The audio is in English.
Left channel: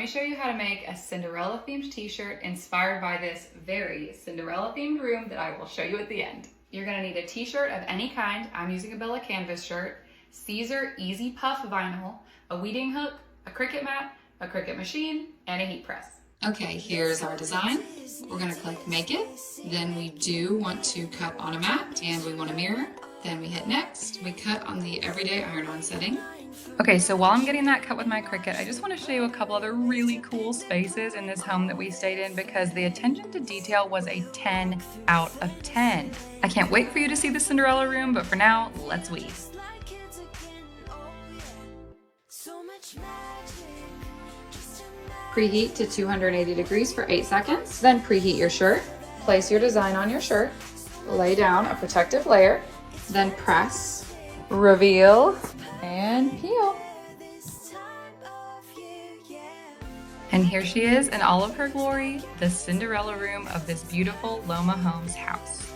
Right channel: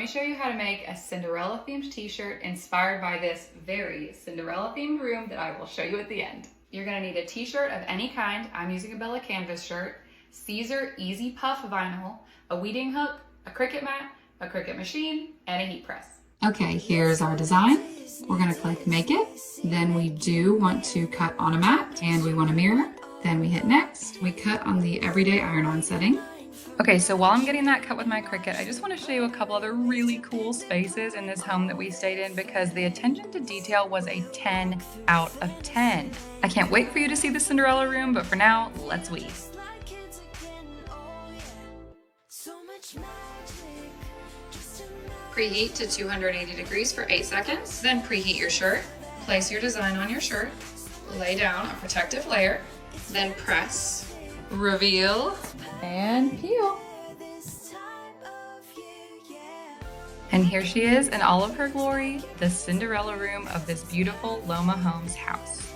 Let me show you how to make a Cinderella themed t-shirt inspired by this very Cinderella themed room that I will show you at the end. You're gonna need a t-shirt of any kind. I'm using a Bella canvas shirt, Caesar Easy Puff vinyl, a weeding hook, a Cricut mat, a Cricut machine, and a heat press. Okay, here's our design. We're gonna click make it. Then we do want to cut on a mat and we want a mirror. Then we hit next. We cut on the everyday iron-on setting. Okay, so while I'm getting that cut with my Cricut, I just want to show you a couple other really cool spaces in this home that we stayed in because the attention to detail was a 10 out of 10. I can't wait for you to see the Cinderella room, but for now, let's weave. Preheat to 280 degrees for 8 seconds. Then preheat your shirt. Place your design on your shirt. Lay down a protective layer. Then press, reveal, and peel. And here she is in all of her glory, the Cinderella room of this beautiful Loma Homes house.